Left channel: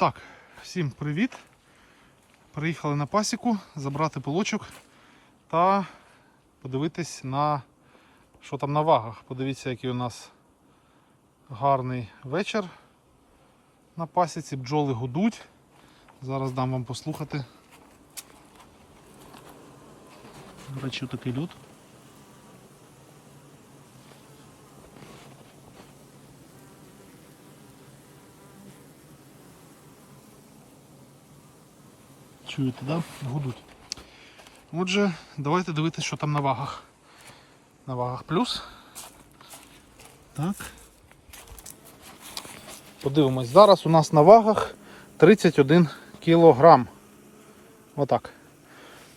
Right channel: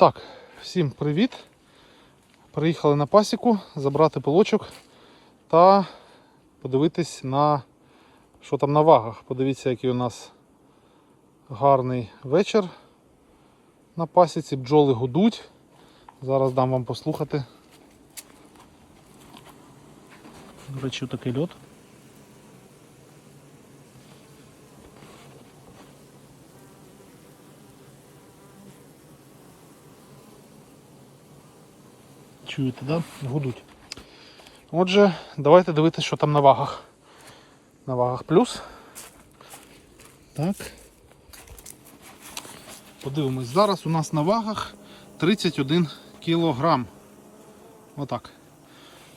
Так, всім привіт. Приїхали на пасіку забрати полочок та подивитись на що там на вагах. Подивіться, який у нас гарний вечір на пасіці. Бджоли гудуть. Зараз дам вам послухати. До такий льот. Чуєте, да? Гудуть. Отже, давайте дивитися, що там на вагах. На вагах плюс. Так. Подивимось. Зараз у нас на вагах 31 кілограм. Отак.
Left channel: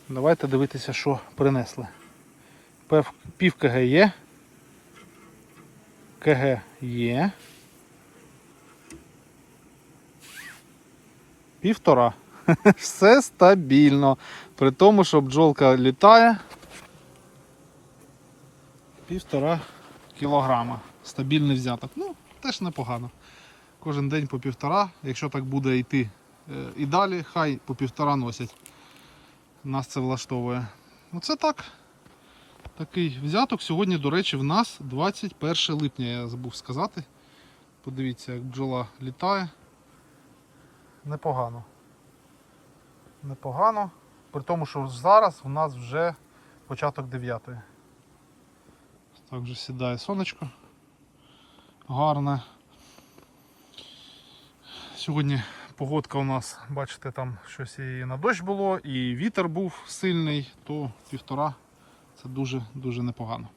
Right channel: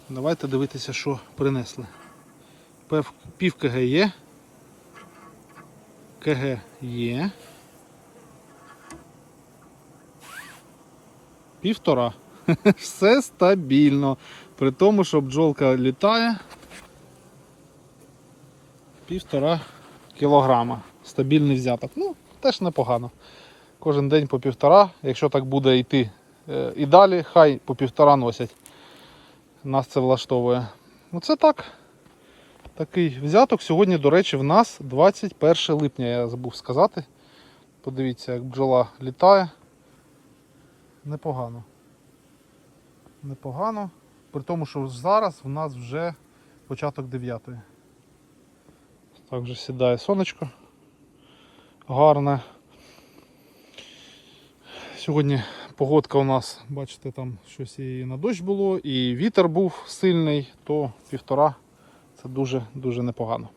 Давайте дивитися, що принесли. Пів КГ є. КГ є. Півтора. Все стабільно. При тому, що бджолка літає півтора кілограма. Стабільний взяток. Ну, теж непогано. Кожен день по півтора. Якщо так буде йти е, і далі, хай по півтора носять. Нас це влаштовує. Ну це так. Такий взяток. Сьогодні, до речі, в нас 21 липня, я забув сказати. Подивіться, як бджола літає. Непогано непогано. При тому, що зараз у нас вже початок 9. Так вже сідає сонечко. Гарне. Сьогодні погодка у нас, бачите, там щось і на дощ було, і вітер був сильний, то півтора це дуже-дуже непогано.